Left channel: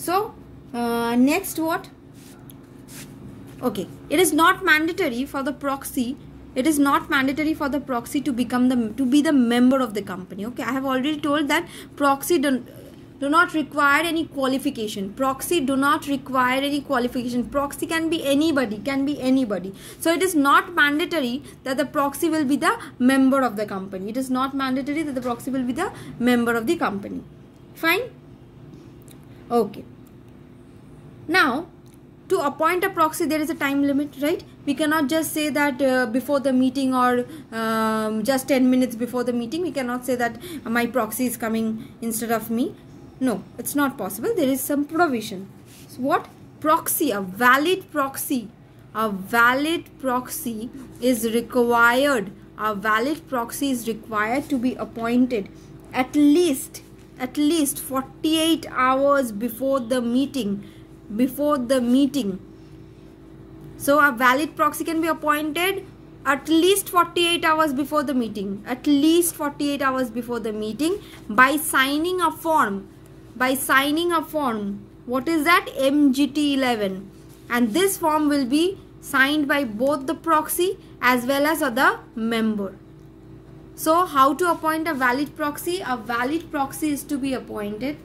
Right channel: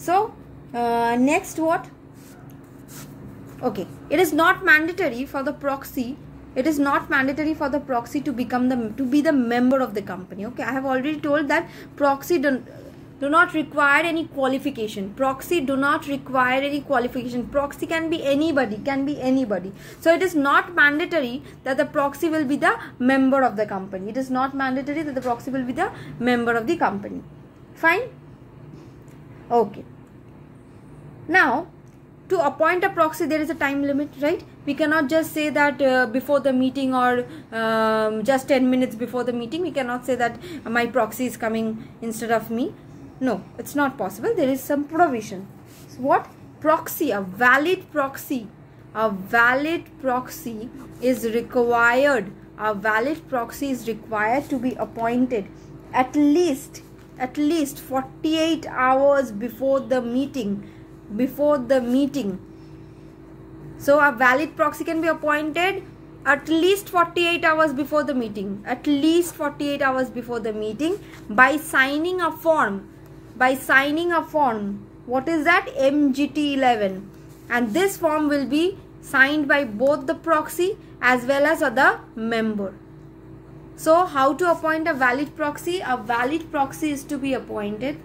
So next what? Okay, it is not mandatory for the proxy. It is not mandatory for the proxy to be the member of the company. Okay, I have already told that proxy do not require any qualification. Proxy do not require any qualification. Proxy can be anybody. So it is not mandatory that the proxy will be the member of the company. It is not mandatory that the proxy will be the member of the company. Fine. Okay. Now, to appoint a proxy, there is a time limit, right? We cannot just say that before the meeting or just 10 minutes before the meeting, we cannot say that my proxy is coming instead of me. No, it's not possible. There is some provision. So what? Proxy, a valid proxy is required. A valid proxy is required to be appointed at least 48 hours before the meeting. So a valid proxy can be appointed at least 48 hours before the meeting. By signing a form. What is that? MGT 11. And this form will be signed by both the proxy as well as other member. So how to appoint a valid proxy? A valid proxy is to be appointed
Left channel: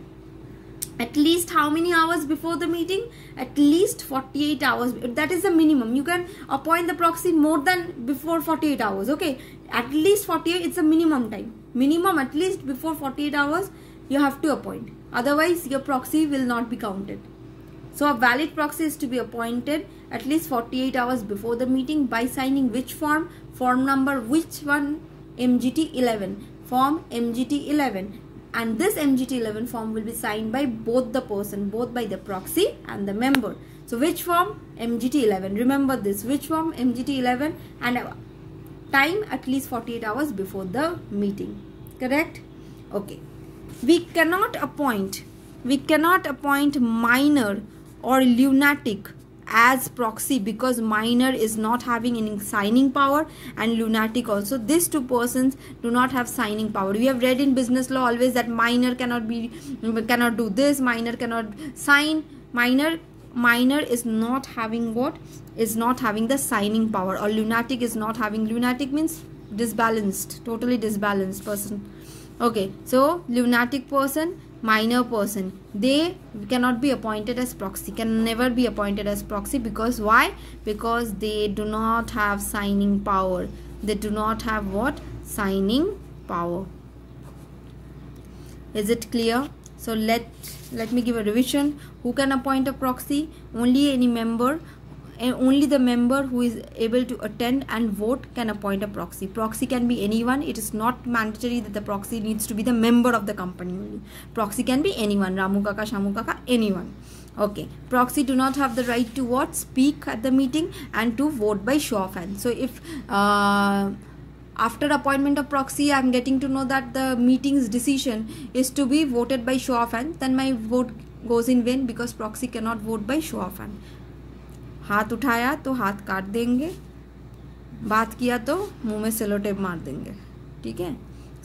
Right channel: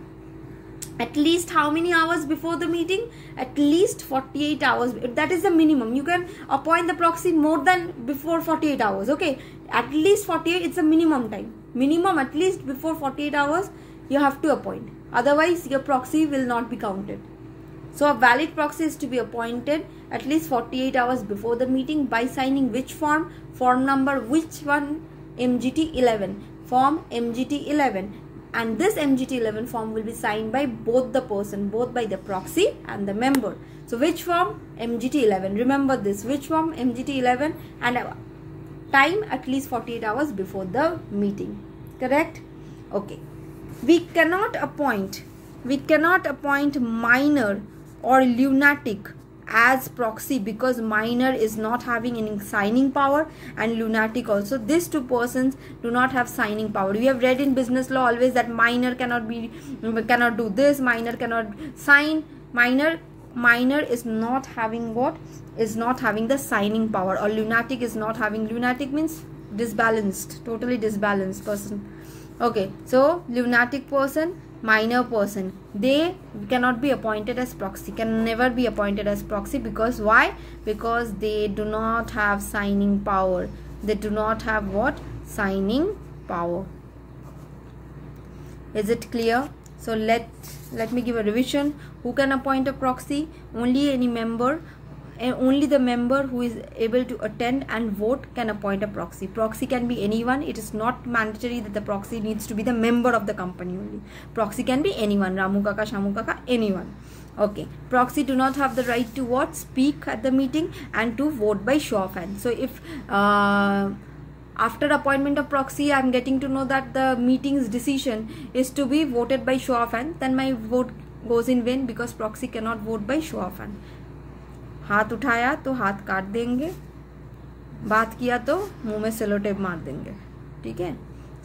at least how many hours before the meeting? At least 48 hours. That is the minimum. You can appoint the proxy more than before 48 hours. Okay. At least 48. It's a minimum time. Minimum at least before 48 hours you have to appoint. Otherwise your proxy will not be counted. So a valid proxy is to be appointed at least 48 hours before the meeting by signing which form? Form number which one? MGT 11. Form MGT 11. And this MGT 11 form will be signed by both by the proxy and the member. So which form? MGT 11. Remember this. Which form? MGT 11, and time at least 48 hours before the meeting. Correct? Okay. We cannot appoint minor or lunatic as proxy because minor is not having any signing power and lunatic also. These two persons do not have signing power. We have read in business law always that minor cannot do this, minor cannot sign. Minor is not having what? Is not having the signing power, or lunatic is not having. Lunatic means disbalanced, totally disbalanced person. Okay, so lunatic person, minor person, they cannot be appointed as proxy, can never be appointed as proxy. Because why? Because they do not have signing power. They do not have what? Signing power. Is it clear? So let me give a revision. Who can appoint a proxy? Only any member, and only the member who is able to attend and vote can appoint a proxy. Proxy can be anyone. It is not mandatory that the proxy needs to be the member of the company only. Proxy can be anyone. Ramu Kaka, Shamu Kaka, anyone. Okay. Proxy do not have the right to what? Speak at the meeting and to vote by show of hands. So if after appointment of proxy I am getting to know that the meeting's decision is to be voted by show of hands, then my vote goes in vain because proxy cannot vote by show of hands. हाथ उठाया तो हाथ काट देंगे, बात किया तो मुंह में सेलो टेप मार देंगे. ठीक है.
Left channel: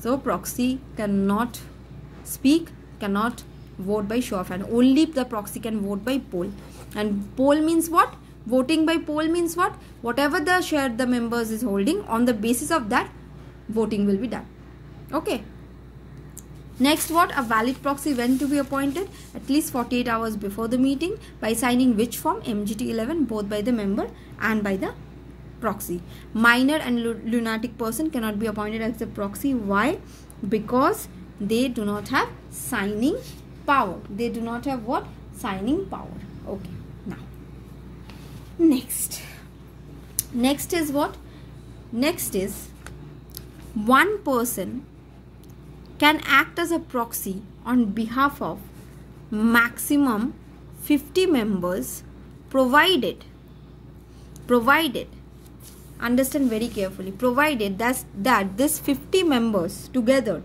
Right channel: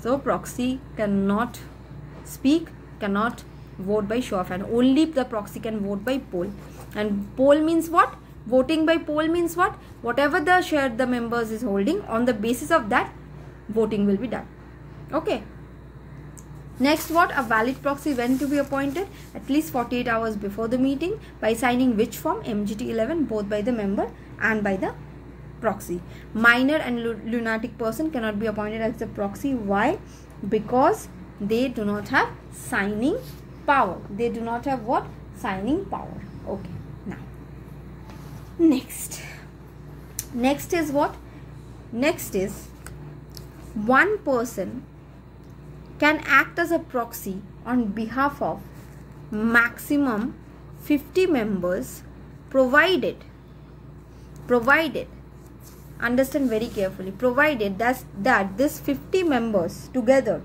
So proxy cannot speak, cannot vote by show of hand. Only the proxy can vote by poll. And poll means what? Voting by poll means what? Whatever the share the members is holding, on the basis of that voting will be done. Okay. Next, what? A valid proxy when to be appointed? At least 48 hours before the meeting by signing which form? MGT 11, both by the member and by the proxy. Minor and lunatic person cannot be appointed as the proxy. Why? Because they do not have signing power. They do not have what? Signing power. Okay. Now, next is what? Next is one person can act as a proxy on behalf of maximum 50 members provided, understand very carefully, provided that this 50 members together,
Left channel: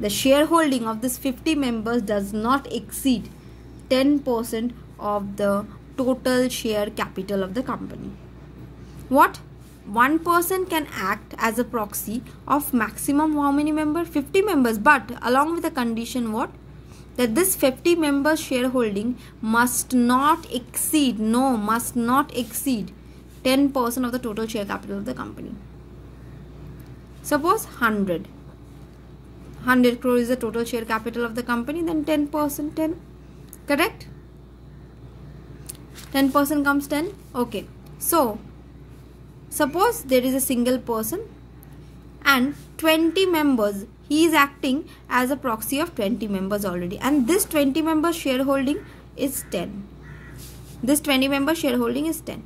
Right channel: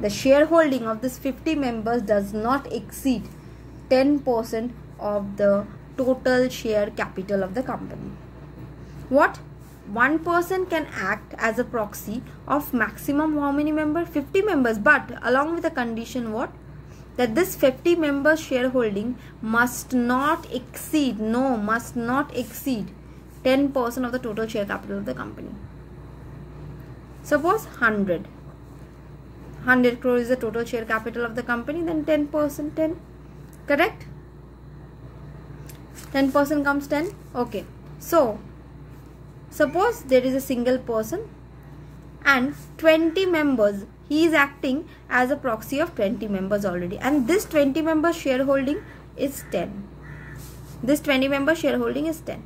the shareholding of this 50 members does not exceed 10% of the total share capital of the company. What? One person can act as a proxy of maximum how many members? 50 members, but along with the condition what? that this 50 members shareholding must not exceed 10% of the total share capital of the company. Suppose 100 crore is the total share capital of the company, then 10%, 10, correct? 10% comes 10. Okay, so suppose there is a single person and 20 members, he is acting as a proxy of 20 members already, and this 20 members shareholding is 10. This 20 members shareholding is 10.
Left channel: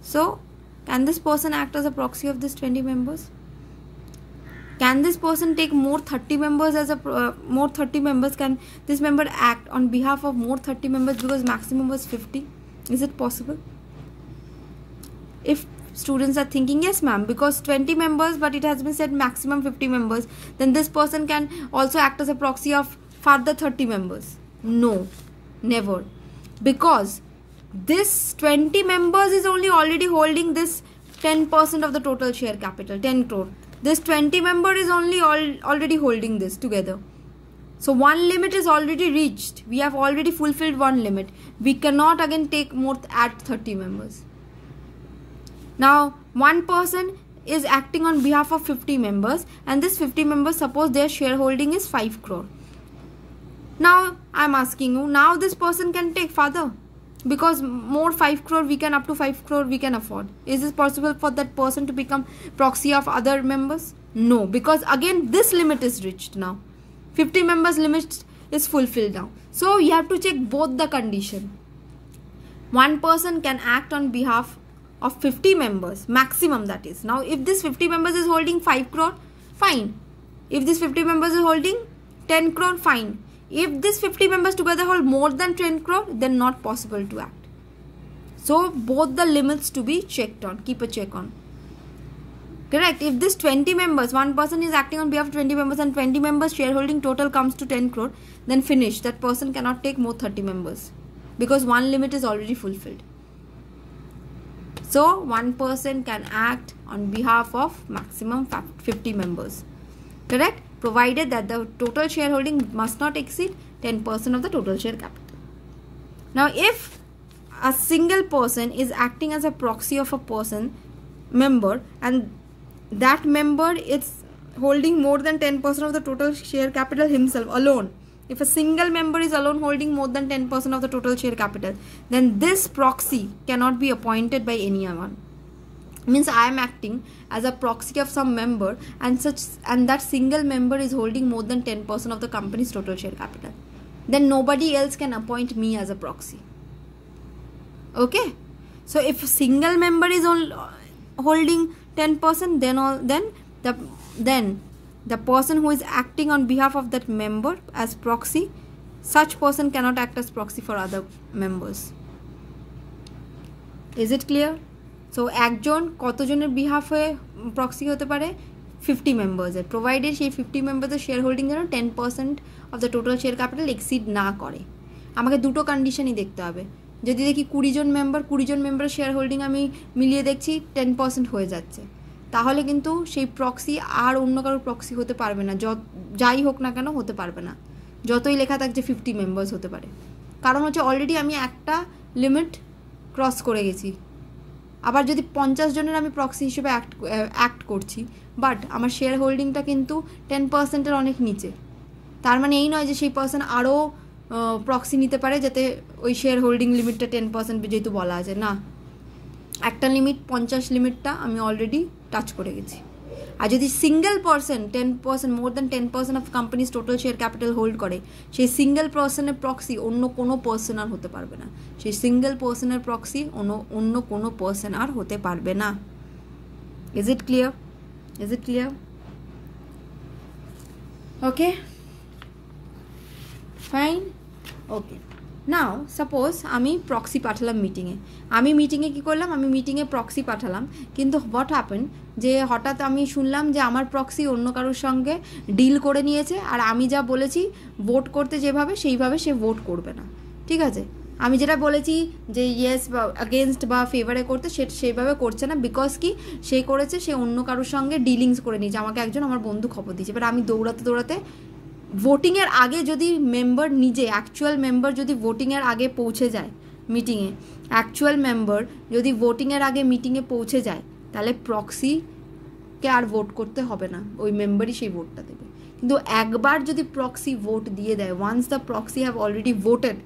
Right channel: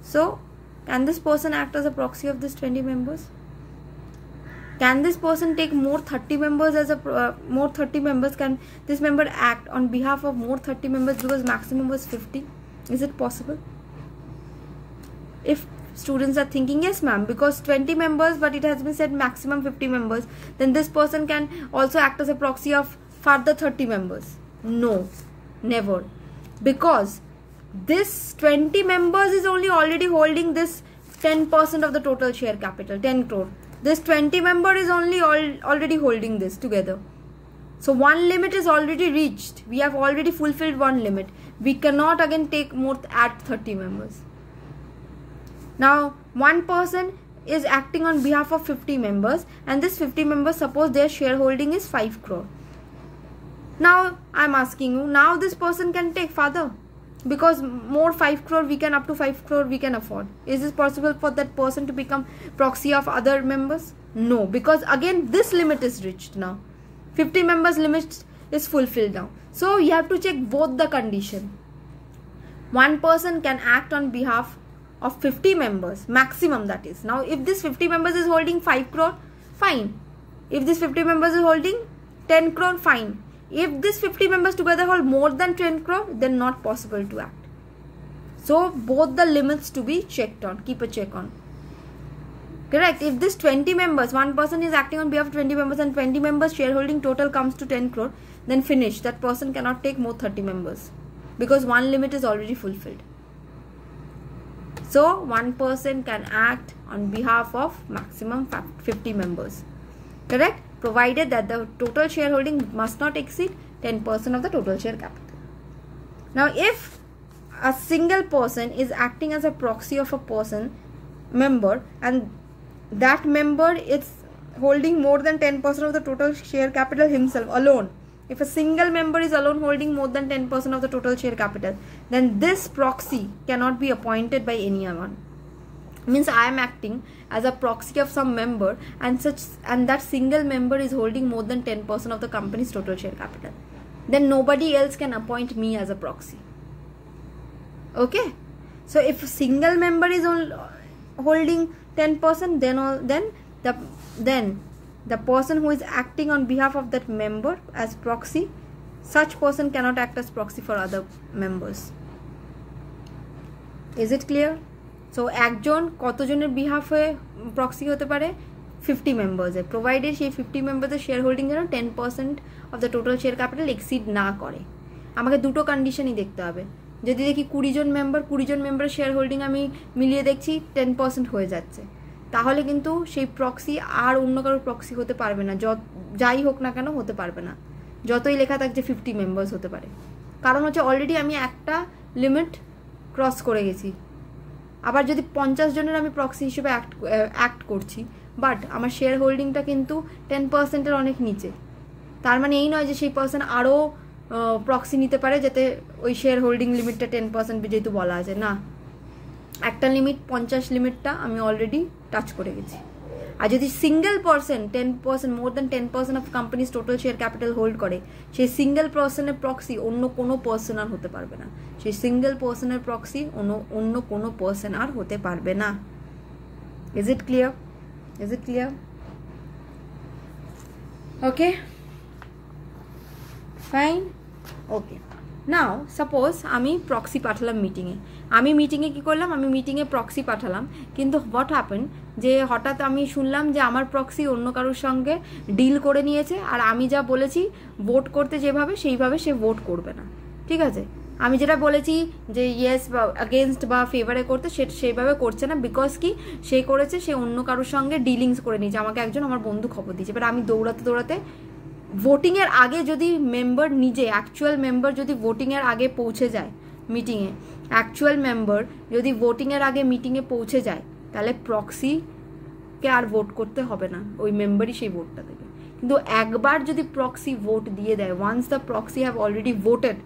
So can this person act as a proxy of this 20 members? Can this person take more 30 members as a more 30 members? Can this member act on behalf of more 30 members because maximum was 50? Is it possible? If students are thinking yes ma'am, because 20 members but it has been said maximum 50 members, then this person can also act as a proxy of further 30 members. No, never, because this 20 members is only already holding this 10% of the total share capital, 10 crore. This 20 member is only already holding this together. So one limit is already reached. We have already fulfilled one limit. We cannot again take more, add 30 members. Now one person is acting on behalf of 50 members, and this 50 members, suppose their shareholding is 5 crore. Now I am asking you, now this person can take further, because more 5 crore we can, up to 5 crore we can afford. Is it possible for that person to become proxy of other members? No, because again this limit is reached now. 50 members limit is fulfilled now. So you have to check both the condition. One person can act on behalf of 50 members, maximum, that is. Now if this 50 members is holding 5 crore, fine. If this 50 members is holding 10 crore, fine. If this 50 members together hold more than 10 crore, then not possible to act. So both the limits to be checked on, keep a check on. Correct? If this 20 members, one person is acting on behalf of 20 members and 20 members shareholding total comes to 10 crore, then finish. That person cannot take more 30 members because one limit is already fulfilled. So one person can act on behalf of maximum 50 members. Correct? Provided that the total shareholding must not exceed 10% of the total share capital. Now if a single person is acting as a proxy of a member, and that member is holding more than 10% of the total share capital himself alone, if a single member is alone holding more than 10% of the total share capital, then this proxy cannot be appointed by anyone. Means I am acting as a proxy of some member, and that single member is holding more than 10% of the company's total share capital. Then nobody else can appoint me as a proxy. Okay? So if a single member is holding 10%, then the person who is acting on behalf of that member as proxy, such person cannot act as proxy for other members. Is it clear? So একজন কতজনের behalf হয়ে proxy হতে পারে? 50 members এ, provided সেই 50 members এর share holding যেন 10% of the total share capital exceed না করে। আমাকে দুটো কন্ডিশনই দেখতে হবে। যদি দেখি 20 জন মেম্বারের শেয়ার হোল্ডিং আমি মিলিয়ে দেখছি 10% হয়ে যাচ্ছে, তাহলে কিন্তু সেই প্রক্সি আর অন্য কারো প্রক্সি হতে পারবে না, যাই হোক না কেন হতে পারবে না, যতই লেখা থাক যে 50 মেম্বার্স হতে পারে। কারণ হচ্ছে অলরেডি আমি একটা লিমিট ক্রস করে গেছি। আবার যদি 50 জনের আমি প্রক্সি হিসেবে অ্যাক্ট করছি, বাট আমার শেয়ার হোল্ডিংটা কিন্তু 10%-এর অনেক নিচে, তার মানে এই নয় যে সেই পার্সন আরও প্রক্সি নিতে পারে যাতে ওই শেয়ার হোল্ডিং লিমিটটা 10% যেহেতু বলা আছে, না, একটা লিমিট 50 লিমিটটা আমি অলরেডি টাচ করে গেছি। আর যদি single person 10%, more than 10% of companies total share capital hold করে, সেই সিঙ্গেল পার্সনের প্রক্সি অন্য কোনো পার্সন আর হতে পারবে না। সেই সিঙ্গেল পার্সনের প্রক্সি অন্য কোনো পার্সন আর হতে পারবে না। Is it clear? Is it clear? Okay, fine, okay. Now suppose আমি প্রক্সি পাঠালাম মিটিংয়ে, কি করলাম, আমি মিটিংয়ে প্রক্সি পাঠালাম, কিন্তু হোয়াট হ্যাপেন যে হঠাৎ আমি শুনলাম যে আমার প্রক্সি অন্য কারোর সঙ্গে ডিল করে নিয়েছে, আর আমি যা বলেছি ভোট করতে যেভাবে সেইভাবে সে ভোট করবে না। ঠিক আছে, আমি যেটা বলেছি যে ইয়েস বা এগেনস্ট বা ফেভারে করতে, সেভাবে করছে না। বিকজ কি সে করেছে, সে অন্য কারোর সঙ্গে ডিলিংস করে নিয়েছে। আমাকে একজন আমার বন্ধু খবর দিয়েছে, এবার আমি দৌড়াতে ভোটিং এর আগে যদি মেম্বার নিজে অ্যাকচুয়াল মেম্বার যদি ভোটিং এর আগে পৌঁছে যায় মিটিংয়ে, অ্যাকচুয়াল মেম্বার যদি ভোটিং এর আগে মিটিংয়ে পৌঁছে যায়, তাহলে প্রক্সিকে আর ভোট করতে হবে না, ওই মেম্বারই সেই ভোটটা দেবে। কিন্তু একবার যদি প্রক্সি ভোট দিয়ে দেয়, once the proxy have already voted,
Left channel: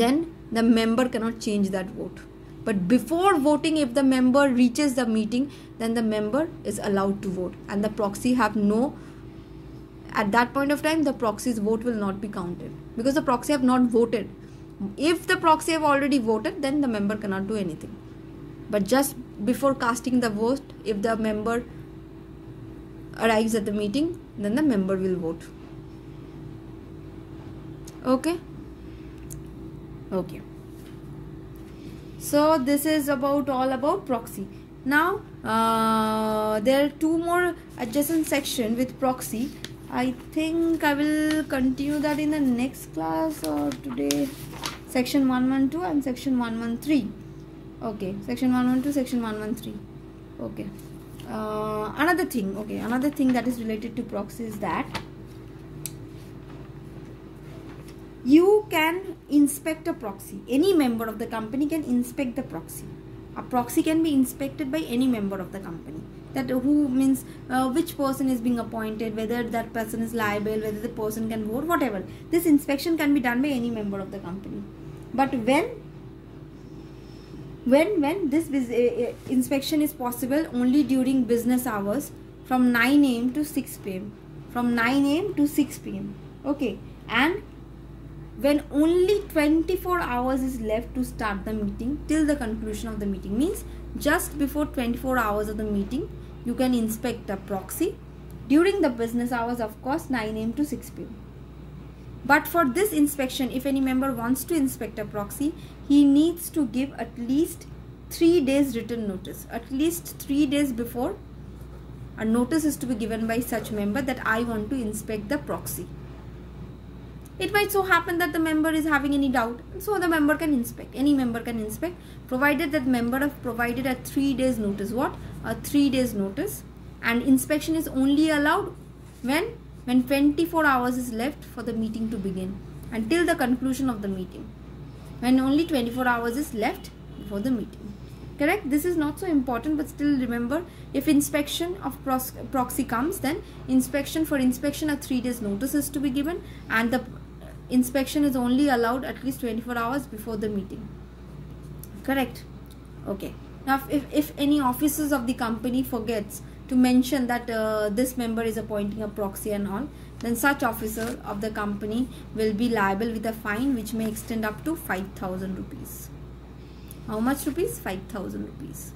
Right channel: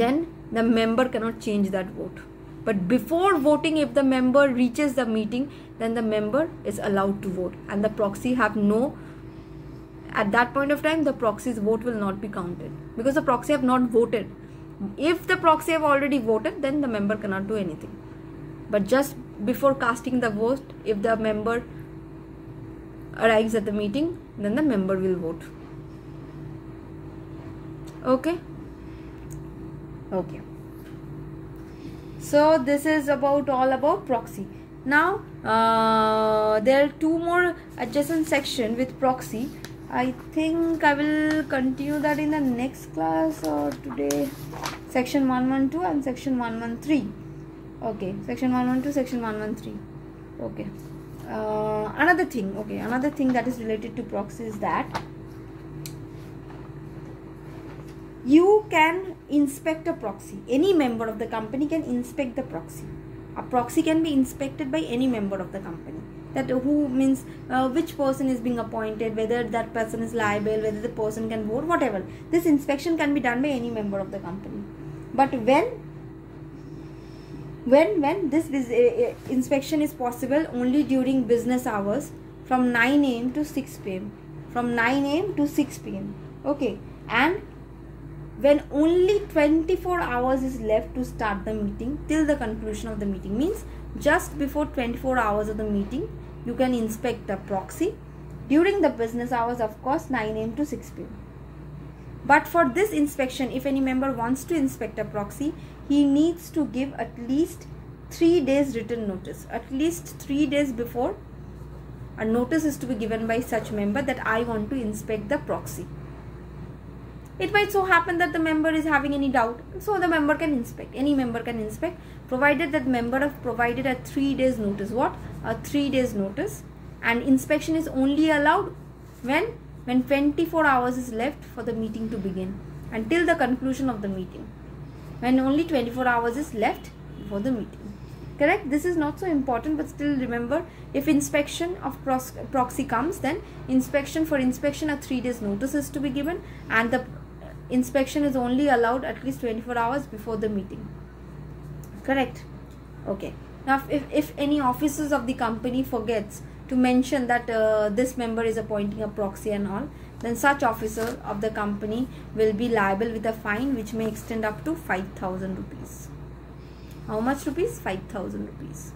then the member cannot change that vote. But before voting, if the member reaches the meeting, then the member is allowed to vote, and the proxy have no, at that point of time the proxy's vote will not be counted, because the proxy have not voted. If the proxy have already voted, then the member cannot do anything. But just before casting the vote, if the member arrives at the meeting, then the member will vote. Okay. So this is all about proxy. Now there are two more adjacent section with proxy. I think I will continue that in the next class or today. Section 112 and section 113. Okay, section 112, section 113. Okay. Another thing that is related to proxy is that you can inspect a proxy. Any member of the company can inspect the proxy. A proxy can be inspected by any member of the company. That who means which person is being appointed, whether that person is liable, whether the person can vote, whatever. This inspection can be done by any member of the company. But when this inspection is possible only during business hours from 9 AM to 6 PM. From 9 AM to 6 PM. Okay. And when only 24 hours is left to start the meeting till the conclusion of the meeting, means just before 24 hours of the meeting you can inspect the proxy. During the business hours, of course, 9 AM to 6 PM. But for this inspection, if any member wants to inspect a proxy, he needs to give at least 3 days written notice. At least 3 days before, a notice is to be given by such member that I want to inspect the proxy. It might so happen that the member is having any doubt, so the member can inspect. Any member can inspect, provided that member have provided a 3 days notice. What? A 3 days notice. And inspection is only allowed when 24 hours is left for the meeting to begin, until the conclusion of the meeting. When only 24 hours is left before the meeting. Correct? This is not so important, but still remember, if inspection of proxy comes, then for inspection a 3 days notice is to be given, and the inspection is only allowed at least 24 hours before the meeting. Correct? Okay. Now if any officers of the company forgets to mention that this member is appointing a proxy and all, then such officer of the company will be liable with a fine which may extend up to 5,000 rupees. How much rupees? 5,000 rupees.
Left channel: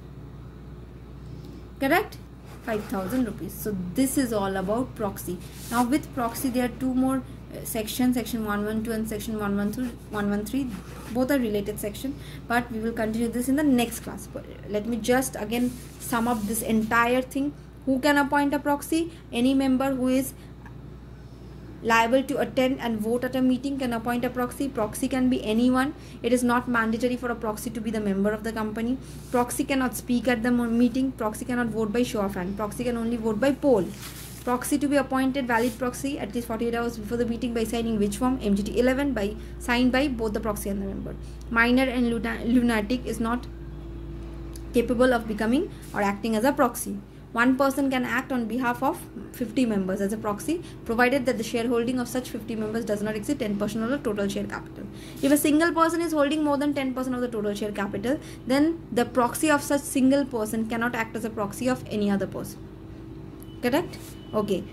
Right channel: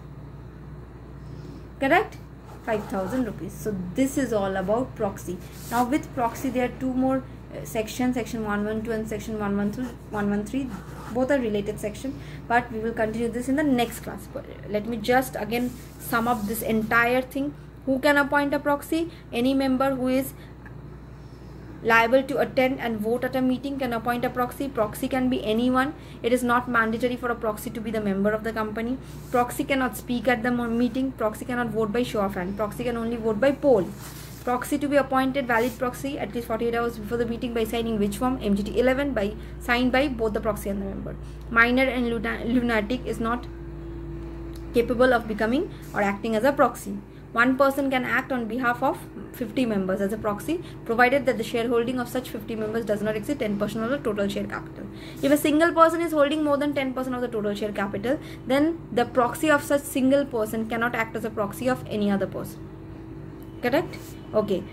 Correct? 5,000 rupees. So this is all about proxy. Now with proxy there are two more sections, section 112 and section 113. Both are related section, but we will continue this in the next class. But let me just again sum up this entire thing. Who can appoint a proxy? Any member who is liable to attend and vote at a meeting can appoint a proxy. Proxy can be anyone. It is not mandatory for a proxy to be the member of the company. Proxy cannot speak at the meeting. Proxy cannot vote by show of hand. Proxy can only vote by poll. Proxy to be appointed, valid proxy at least 48 hours before the meeting by signing which form? MGT 11, signed by both the proxy and the member. Minor and lunatic is not capable of becoming or acting as a proxy. One person can act on behalf of 50 members as a proxy, provided that the shareholding of such 50 members does not exceed 10% of the total share capital. If a single person is holding more than 10% of the total share capital, then the proxy of such single person cannot act as a proxy of any other person. Correct? Okay.